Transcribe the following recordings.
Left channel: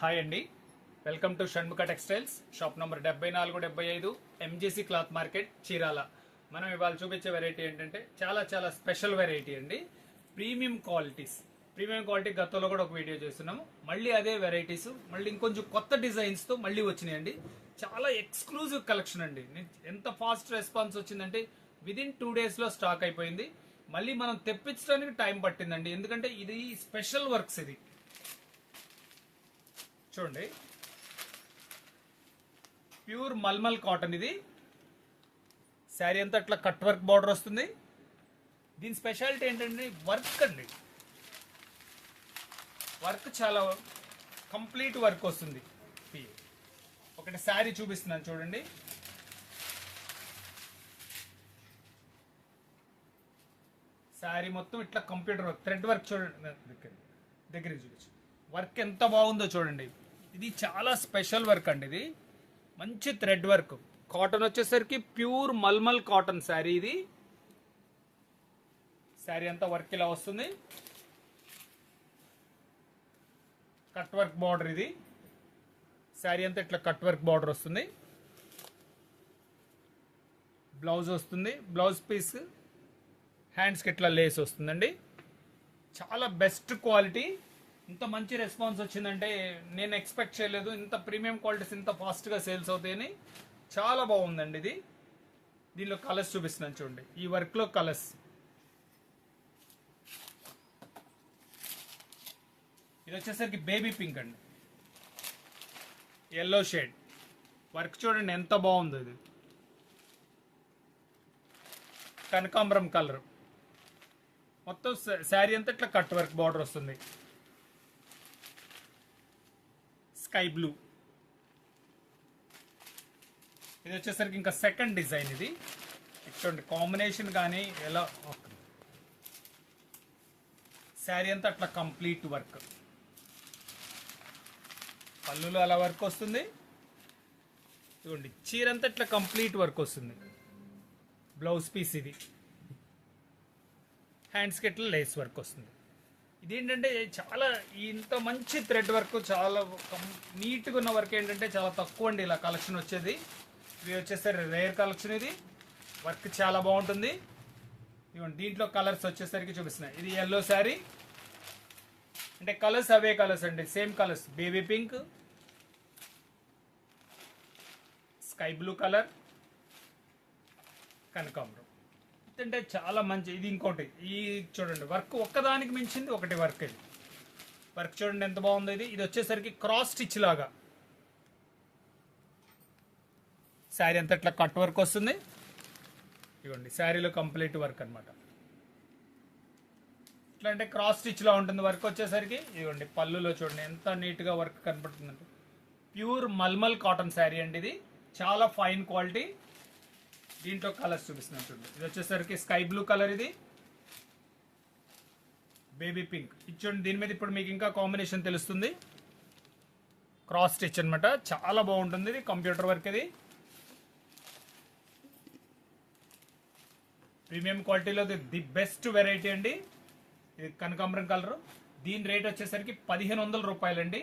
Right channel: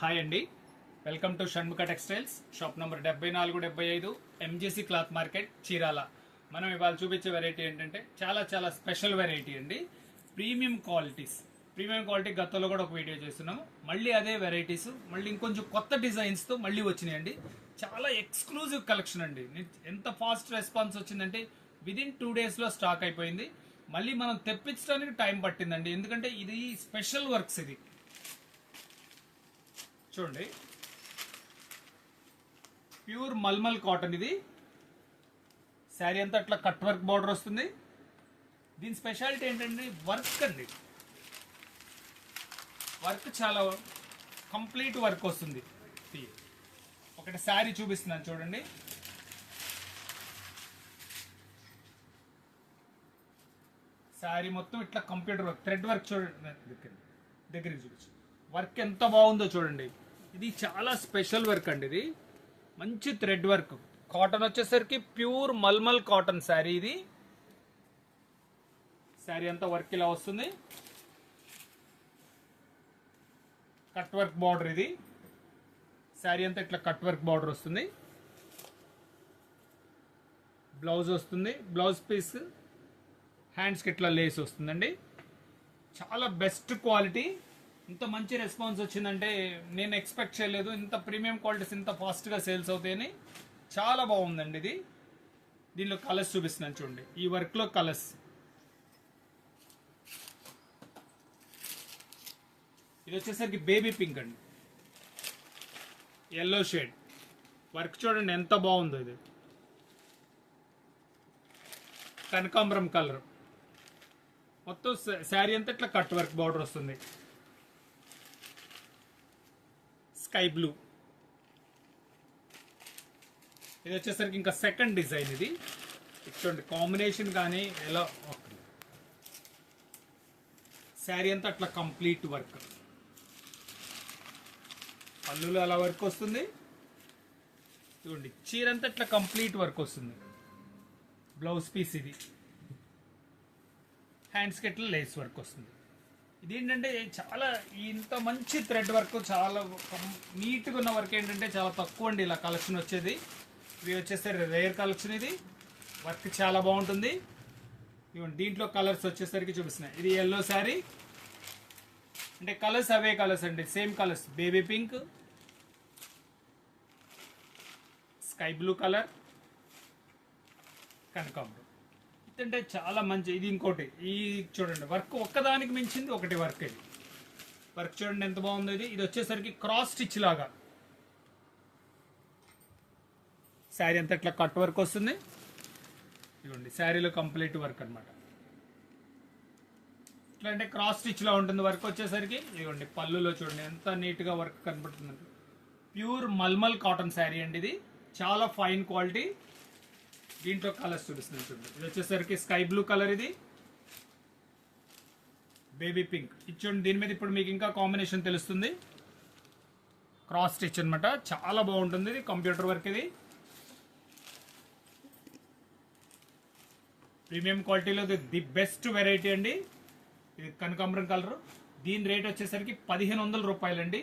Hi అండి, welcome to Shanmukha textiles shop number 7475 MGC cloth market Chirala. మనం ఇవాళ చూపించే వెరైటీ ఏంటంటే చాలా చాలా స్పెషల్ వెరైటీ అండి. ప్రీమియం క్వాలిటీ గతంలో కూడా ఒక వీడియో చేస్తున్నాము. మళ్ళీ అదే వెరైటీస్ మళ్ళీ ఇంకొంచెం కొత్త డిజైన్స్ తో మళ్ళీ వచ్చినాయండి. చాలా ఎక్స్క్లూజివ్ కలెక్షన్ అండి. ఎంత ఫాస్ట్ రెస్పాన్స్ వచ్చిందంటే విదిన్ 2 days లో స్టాక్ అయిపోయింది. మళ్ళీ మనం తెప్పించడానికి టైం పట్టిందండి, ఎందుకంటే ఇది స్పెషల్ వర్క్స్. ఇది చూడండి, ప్యూర్ మల్మల్ కాటన్. ఇది శారీ అంతా అట్లా కట్ వర్క్ బార్డర్ వస్తుంది. దీని స్పెషాలిటీ ఏంటంటే వర్క్ అండి. వర్క్ చాలా కంప్లీట్ వర్క్ వస్తుంది. ఒకటి శారీ చూపిస్తున్నాను చూడండి. శారీ మొత్తం ఇట్లా కంప్యూటర్ వర్క్, థ్రెడ్ వర్క్ చూడండి. దగ్గరికి చూపించు, వర్క్ ఎంత బాగుందో చూడండి. ఇది చాలా స్పెషల్ వర్క్ అండి. ఇది మంచి థ్రెడ్ వర్క్. కాటన్ వచ్చేసరికి ప్యూర్ మల్మల్ కాటన్ శారీ. ఇది శారీ అంతా వర్క్ ఇలా వస్తుంది. Cut work border. ఇది శారీ అంతా ఇట్లా కట్ వర్క్ బార్డర్ వస్తుంది. బ్లౌజ్ వస్తుంది, బ్లౌజ్ పీస్ హ్యాండ్స్కి ఇట్లా లేస్ వస్తుందండి. చాలా బెస్ట్ క్వాలిటీ. ఇంత మంచి రెస్పాన్స్ వచ్చిందంటే నేను ఎక్స్పెక్ట్ చేయలేదు. ఇంత ప్రీమియం క్వాలిటీస్ ఇంత ఫాస్ట్గా సేల్స్ అవుతాయని. చాలా బాగుందండి ఇది. దీనిలో కలర్స్ చూపిస్తున్నాను చూడండి. ఈ వర్క్లో కలర్స్, ఇది వచ్చేసరికి బేబీ పింక్ అండి, ఎల్లో షేడ్. వర్క్ చూడండి ఎంత బాగుందో. ఇది కనకాంబరం కలర్. మొత్తం శారీ అంతా ఇట్లా కట్ వర్క్ బార్డర్ వస్తుంది. Sky blue. ఇది వచ్చేసరికి ఇంకా సెకండ్ డిజైన్. ఇది చూడండి, కాంబినేషన్ కానీ ఎలా శారీ అంతా అట్లా కంప్లీట్ వర్క్. పళ్ళులో అలా వర్క్ వస్తుంది. చూడండి, చీర అంతా ఇట్లా కంప్లీట్ వర్క్ వస్తుంది. Blouse piece. ఇది హ్యాండ్స్కి ఇట్లా లేస్ వర్క్ వస్తుంది. ఇదేంటంటే చాలా ఇంత మంచి థ్రెడ్ వర్క్, చాలా నీట్గా ఉన్న వర్క్ ఏంటంటే చాలా తక్కువ అండి ఇలా కలెక్షన్ వచ్చేది. ఇవి వచ్చేసరికి రేర్ కలెక్షన్. ఇది వర్క్ చాలా బాగుంటుంది. దీంట్లో కలర్స్ వచ్చేసరికి చూపిస్తున్నాయి. ఇది ఎల్లో శారీ అంటే కలర్స్ అవే కలర్స్ అండి, same colours. Baby pink, sky blue colour, కనకాంబరం. అంటే చాలా మంచి. ఇది ఇంకోటి. ఈ చూడండి, వర్క్ ఒక్కదానికి మించింది ఒకటి వర్క్. ఇది వర్క్ చూడండి ఎంత బాగుంది. ఇది వచ్చేసరికి క్రాస్ స్టిచ్ లాగా శారీ అంతా ఇట్లా కట్ వర్క్ వస్తుంది. ఇవ్వండి, శారీలో కంప్లీట్ వర్క్ అనమాట. ఇట్లా అంటే క్రాస్ స్టిచ్ లా ఉంటుంది వర్క్ వచ్చేసరికి. ఇవ్వండి, పళ్ళులో చూడండి ఎంత నీట్ గా వర్క్ కనపడుతుంది. ప్యూర్ మల్మల్ కాటన్ శారీ అండి. ఇది చాలా ఫైన్ క్వాలిటీ. దీంట్లో కలర్స్ చూపిస్తున్నాను చూడండి. ఇది వచ్చేసరికి స్కై బ్లూ కలర్, ఇది బేబీ పింక్. ఇచ్చండి, దీని మీద ఇప్పుడు మీకు ఇంకా కాంబినేషన్ తెలుస్తుంది. క్రాస్ స్టిచ్ అనమాట, చాలా బాగుంటుంది. ఇది కంప్యూటర్ వర్క్. ఇది ప్రీమియం క్వాలిటీలో ది బెస్ట్ వెరైటీ అండి. ఇది కనకాంబరం కలర్. దీని రేట్ వచ్చేసరికి 1500 రూపాయలండి.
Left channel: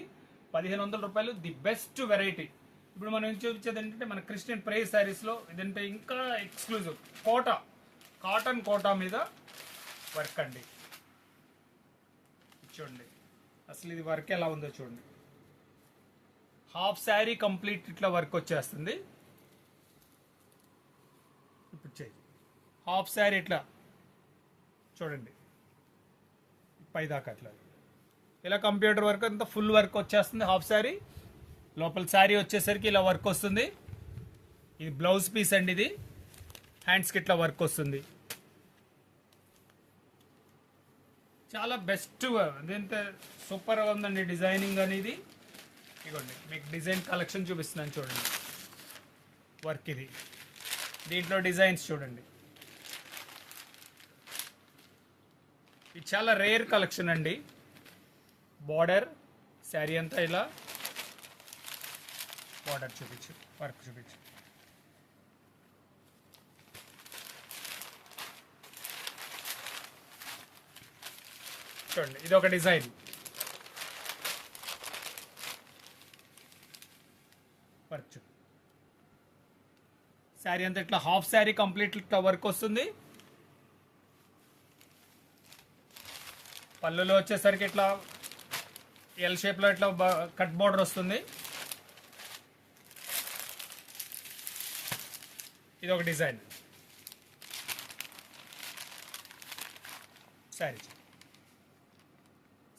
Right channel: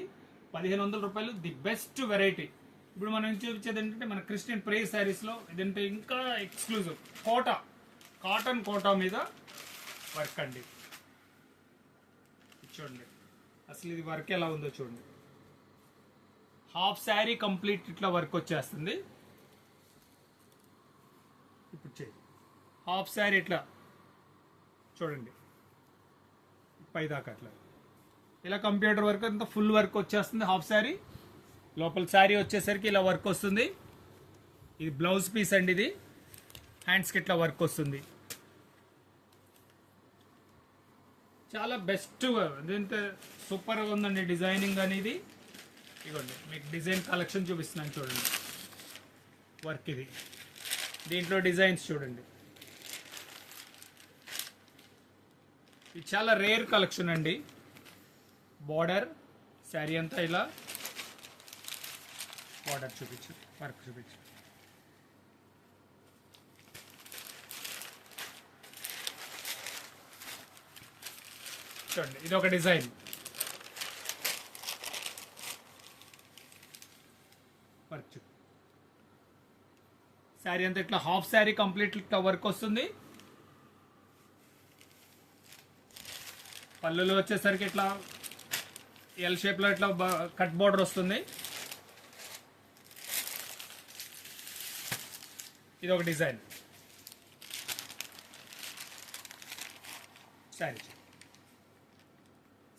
1500 రూపాయలు, ది బెస్ట్ వెరైటీ. ఇప్పుడు మనం చూపించేది ఏంటంటే మన క్రిస్టియన్ ప్రైజ్ శారీస్ లో ఇదంటే ఇంకా ఎక్స్క్లూజివ్ కాటన్ కోటా మీద వర్క్ అండి. చూడండి అసలు ఇది వర్క్ ఎలా ఉందో చూడండి. హాఫ్ శారీ కంప్లీట్ ఇట్లా వర్క్ వచ్చేస్తుంది. ఇప్పుడు హాఫ్ శారీ ఇట్లా చూడండి, పైదాకా అట్లా ఇలా కంప్యూటర్ వర్క్ అంతా ఫుల్ వర్క్ వచ్చేస్తుంది. హాఫ్ శారీ లోపల శారీ వచ్చేసరికి ఇలా వర్క్ వస్తుంది. ఇది బ్లౌజ్ పీస్ అండి. ఇది హ్యాండ్స్కి ఇట్లా వర్క్ వస్తుంది. చాలా బెస్ట్, ఇదంతా సూపర్గా ఉందండి డిజైనింగ్ అనేది. ఇవ్వండి, మీకు డిజైన్ కలెక్షన్ చూపిస్తున్నాను చూడండి. వర్క్ ఇది, దీంట్లో డిజైన్స్ చూడండి. ఇది చాలా రేర్ కలెక్షన్ అండి. బార్డర్ శారీ అంతా ఇలా బార్డర్ చూపించు, వర్క్ చూపించు. చూడండి, ఇది ఒక డిజైన్. వర్క్. శారీ అంతా ఇట్లా హాఫ్ శారీ కంప్లీట్ ఇట్లా వర్క్ వస్తుంది. పళ్ళులో వచ్చేసరికి ఇట్లా ఎల్ షేప్ లో ఇట్లా కట్ బోర్డర్ వస్తుంది. ఇది ఒక డిజైన్.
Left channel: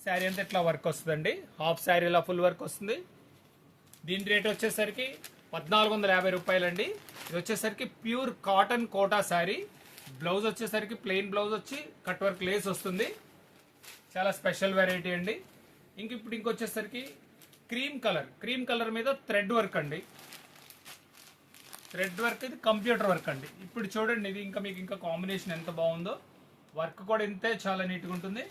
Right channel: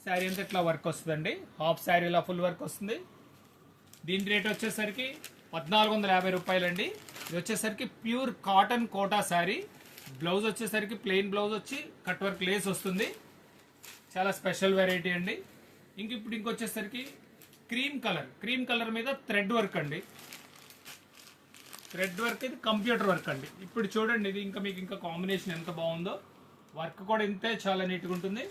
శారీ అంతా ఇట్లా వర్క్ వస్తుందండి. హాఫ్ శారీలో ఫుల్ వర్క్ వస్తుంది. దీని రేట్ వచ్చేసరికి 1450 రూపాయలండి. ఇది వచ్చేసరికి pure cotton Kota sari. Blouse వచ్చేసరికి ప్లెయిన్ బ్లౌజ్ వచ్చి కట్ వర్క్ లేస్ వస్తుంది. చాలా స్పెషల్ వెరైటీ అండి. ఇప్పుడు ఇంకొచ్చేసరికి క్రీమ్ కలర్ మీద థ్రెడ్ వర్క్ అండి. థ్రెడ్ వర్క్ ఇది కంప్యూటర్ వర్క్ అండి. ఇప్పుడు చూడండి, ఇది మీకు ఇంకా కాంబినేషన్ ఎంత బాగుందో. వర్క్ కూడా ఇంతే చాలా నీట్గా ఉంటుంది.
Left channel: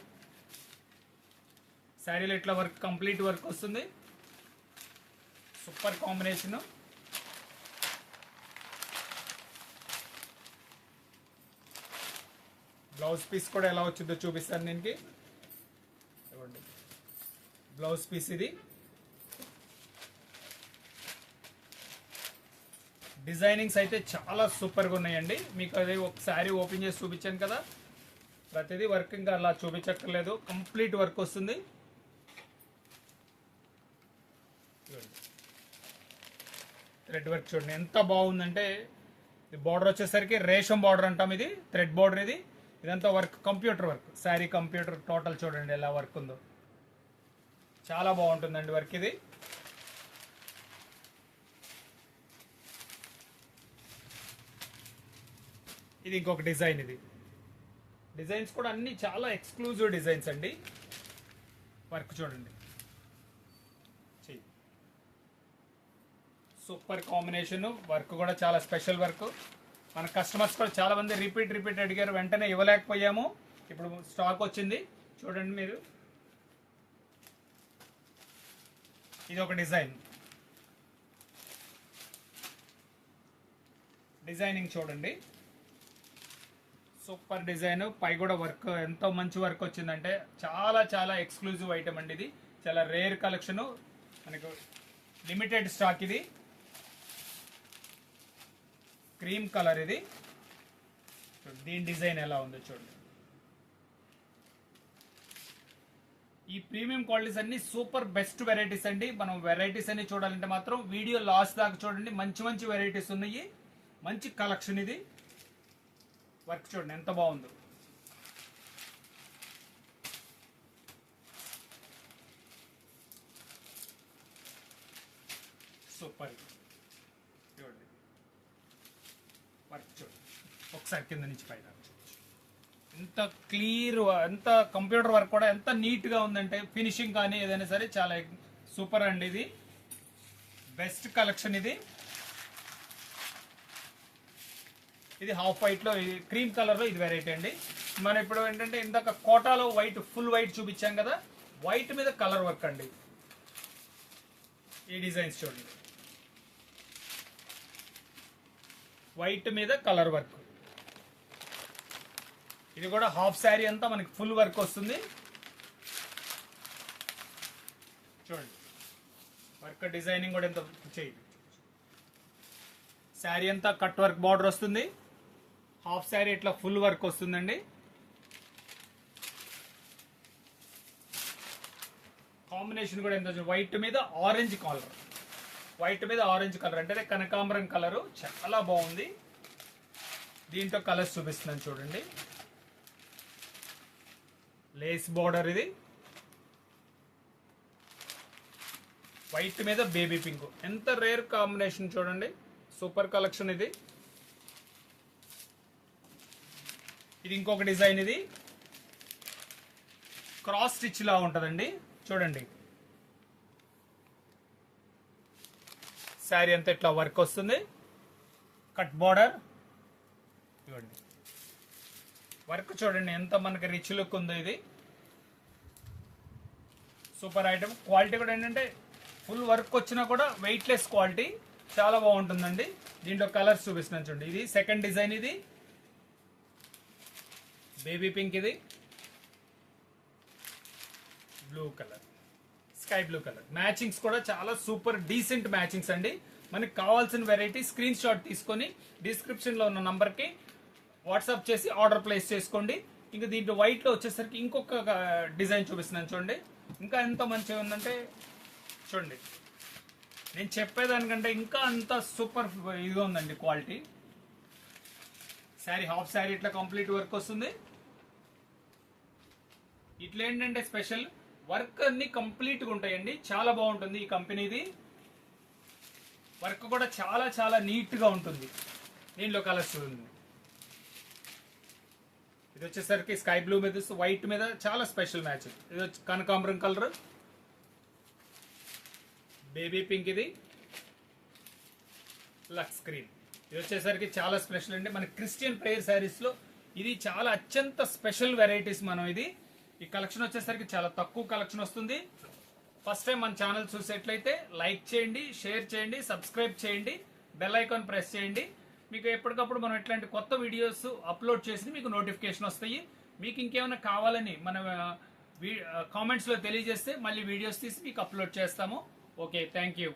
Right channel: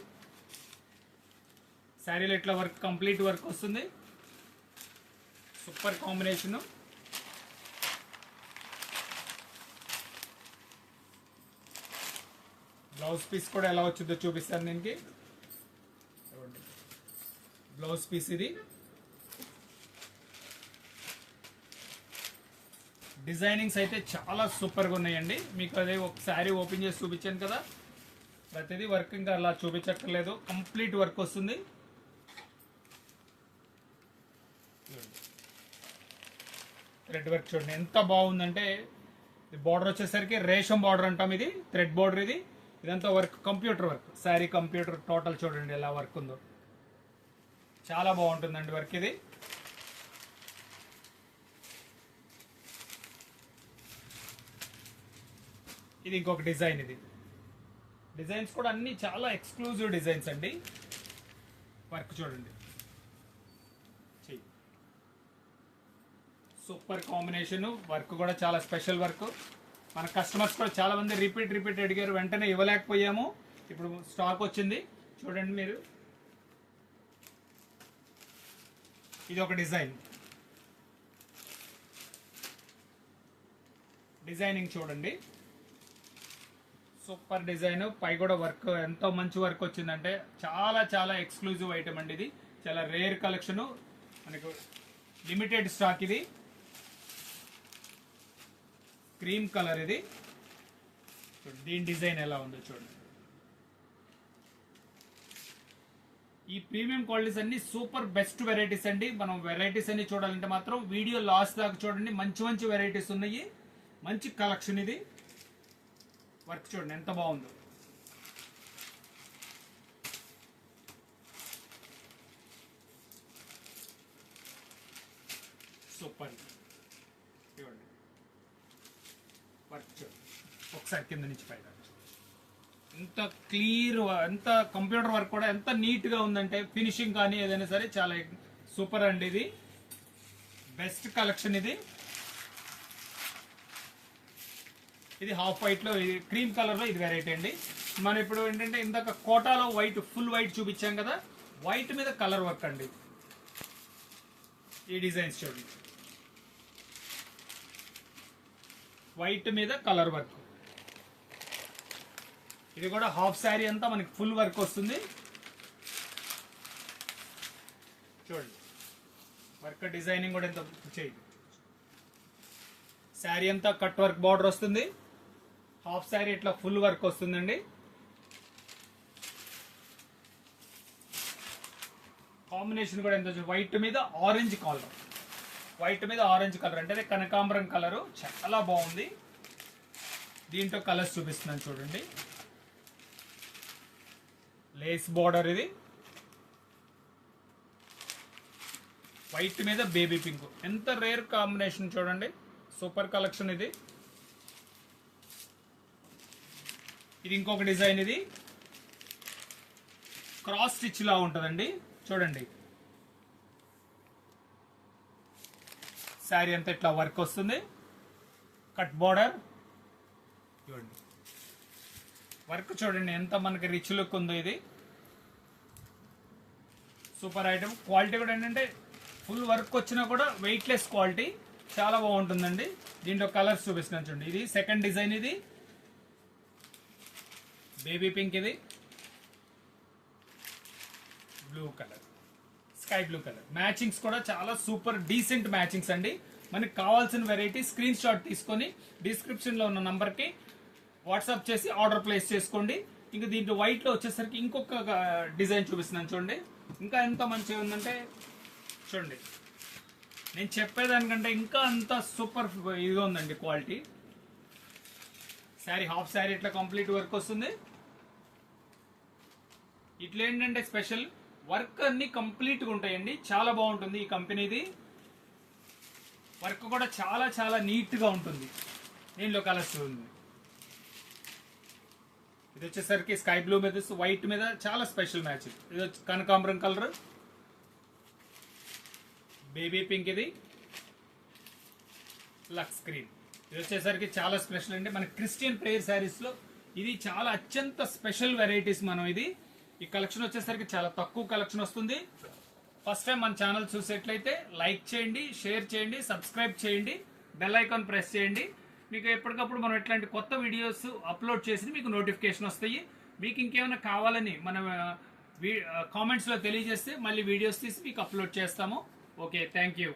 శారీలో ఇట్లా వర్క్ కంప్లీట్ వర్క్ వస్తుంది. Super combination. బ్లౌజ్ పీస్ కూడా ఎలా వచ్చిందో చూపిస్తాను దీనికి. బ్లౌజ్ పీస్ ఇది. డిజైనింగ్స్ అయితే చాలా సూపర్గా ఉన్నాయండి. మీకు అది ఒక శారీ ఓపెన్ చేసి చూపించాను కదా, ప్రతిదీ వర్క్ ఇంకా అలా చూపించక్కర్లేదు, కంప్లీట్ వర్క్ వస్తుంది. థ్రెడ్ వర్క్ చూడండి ఎంత బాగుందంటే, బార్డర్ వచ్చేసరికి రేషం బార్డర్ అంటాం. ఇది థ్రెడ్ బార్డర్. ఇదంతా work computer work. Sari computer total చూడండి ఎలా వర్క్ ఉందో. చాలా బాగుంటుందండి వర్క్ ఇది. ఇది ఇంకొక డిజైన్. ఇది డిజైన్స్ కూడా అన్ని చాలా ఎక్స్క్లూజివ్ డిజైన్స్ అండి. వర్క్ చూడండి, సూపర్ కాంబినేషన్. వర్క్ కూడా చాలా స్పెషల్ వర్క్. మన కస్టమర్స్ కూడా చాలా మంది రిపీట్ అడిగారు, వెంటనే ఇవ్వలేకపోయాము. ఇప్పుడు స్టాక్ వచ్చింది చూడండి మీరు. ఇది ఒక డిజైనింగ్ చూడండి, సూపర్ డిజైన్. పై కూడా వర్క్ ఎంతో మంచి వర్క్ వచ్చిందంటే చాలా చాలా ఎక్స్క్లూజివ్ ఐటమ్ అండి. ఇది చాలా రేర్ కలెక్షన్, మనకు లిమిటెడ్ స్టాక్. ఇది క్రీమ్ కలర్. ఇది దీని డిజైన్ ఎలా ఉందో చూడండి. ఈ ప్రీమియం క్వాలిటీస్ అన్ని సూపర్ బెస్ట్ వెరైటీస్ అండి. మనం వెరైటీస్ అన్ని చూడాలంటే మాత్రం వీడియో లాస్ట్ దాకా చూడండి. మంచి మంచి వెరైటీస్ ఉన్నాయి, మంచి కలెక్షన్. ఇది వర్క్ చూడండి ఎంత బాగుందో. సూపర్ చూడండి వర్క్ చూడండి. ఒకసారి కింద నుంచి పైన ఎంత క్లియర్, ఎంత కంప్యూటర్ వర్క్ కూడా ఎంత నీట్ గా ఉందంటే, ఫినిషింగ్ కానీ ఏదైనా సరే చాలా సూపర్ అండి. ఇది బెస్ట్ కలెక్షన్. ఇది హాఫ్ వైట్ లో, క్రీమ్ కలర్ లో ఇది వెరైటీ అండి. మనం ఇప్పుడు ఏంటంటే ఇందాక కోటాలో వైట్ ఫుల్ వైట్ చూపించాం కదా, వైట్ మీద కలర్ వర్క్ అండి. ఈ డిజైన్స్ చూడండి, వైట్ మీద కలర్ వర్క్. ఇది కూడా హాఫ్ శారీ అంతా మనకి ఫుల్ వర్క్ వస్తుంది. చూడండి వర్క్ డిజైనింగ్ కూడా ఎంత చేయండి. శారీ అంతా కట్ వర్క్ బార్డర్ వస్తుంది. హాఫ్ శారీ ఇట్లా ఫుల్ వర్క్ వస్తుందండి. కాంబినేషన్ కూడా ఎంత, వైట్ మీద ఆరెంజ్ కలర్. వైట్ మీద ఆరెంజ్ కలర్ అంటే కనకాంబరం కలరు, చాలా బాగుంది. దీంట్లో కలర్స్ చూపిస్తున్నాను చూడండి. Lace border. ఇది వైట్ మీద బేబీ పింక్, ఎంత రేర్ కాంబినేషన్ చూడండి. Super collection. ఇది ఇంకొక డిజైన్. ఇది క్రాస్ స్టిచ్ లా ఉంటుందండి చూడండి. శారీ అంతా ఇట్లా వర్క్ వస్తుంది, కట్ బార్డర్. చూడండి వర్క్ చూడండి ఎంత మనకి రిచ్ లుక్ ఉందో. ఇది సూపర్ ఐటమ్. క్వాలిటీ కూడా ఏంటంటే ఫుల్ వర్క్ వచ్చినా కూడా వెయిట్ లెస్ క్వాలిటీ, చాలా బాగుంటుందండి. దీంట్లో కలర్స్ చూపిస్తున్నాను చూడండి. ఇది సెకండ్ డిజైన్. ఇది బేబీ పింక్. ఇది blue colour, sky blue colour. Matchings కూడా చాలా సూపర్ డీసెంట్ మ్యాచింగ్స్ అండి. మనకి కావాల్సిన వెరైటీ స్క్రీన్ షాట్ తీసుకొని డిస్క్రిప్షన్ లో ఉన్న నంబర్ కి వాట్సాప్ చేసి ఆర్డర్ ప్లేస్ చేసుకోండి. ఇంకా దీంట్లో వైట్ లో వచ్చేసరికి ఇంకొక డిజైన్ చూపిస్తున్నాను చూడండి. ఇంకా ఎంత మంచిగా ఉందంటే చూడండి, నేను చెప్పేదానికంటే ఇంకా అంత సూపర్ ఇదిగా ఉందండి క్వాలిటీ. శారీ హాఫ్ శారీ ఇట్లా కంప్లీట్ వర్క్ వస్తుంది. ఇట్లా ఏంటంటే స్పెషల్ వర్క్ అన్ని కంప్లీట్ గా ఉంటాయండి. చాలా బాగుంటుంది ఈ కంపెనీది. వర్క్ కూడా చాలా చాలా నీట్ గా ఉంటుంది. దీనిలో కలర్స్ ఉంది. ఇది వచ్చేసరికి స్కై బ్లూ మీద వైట్ మీద చాలా స్పెషల్ మ్యాచ్. ఇది వచ్చి కనకాంబరం కలర్, బేబీ పింక్, ఇది లక్స్ గ్రీన్. ఇది వచ్చేసరికి చాలా స్పెషల్ అండి. మన క్రిస్టియన్ ప్రేయర్ శారీస్ లో ఇది చాలా అత్యంత స్పెషల్ వెరైటీస్. మనం ఇది ఈ కలెక్షన్ వచ్చేసరికి చాలా తక్కువ కలెక్షన్ వస్తుంది. ఫస్ట్ టైం మన ఛానల్ చూసేట్లయితే లైక్ చేయండి, షేర్ చేయండి, సబ్స్క్రైబ్ చేయండి, బెల్ ఐకాన్ ప్రెస్ చేయండి. మీకు ఎప్పటికప్పుడు మనం ఇట్లాంటి కొత్త వీడియోస్ అప్లోడ్ చేసి మీకు నోటిఫికేషన్ వస్తాయి. మీకు ఇంకేమైనా కావాలని మన కామెంట్స్ లో తెలియజేస్తే మళ్ళీ వీడియోస్ తీసి మీకు అప్లోడ్ చేస్తాము. Okay, thank you.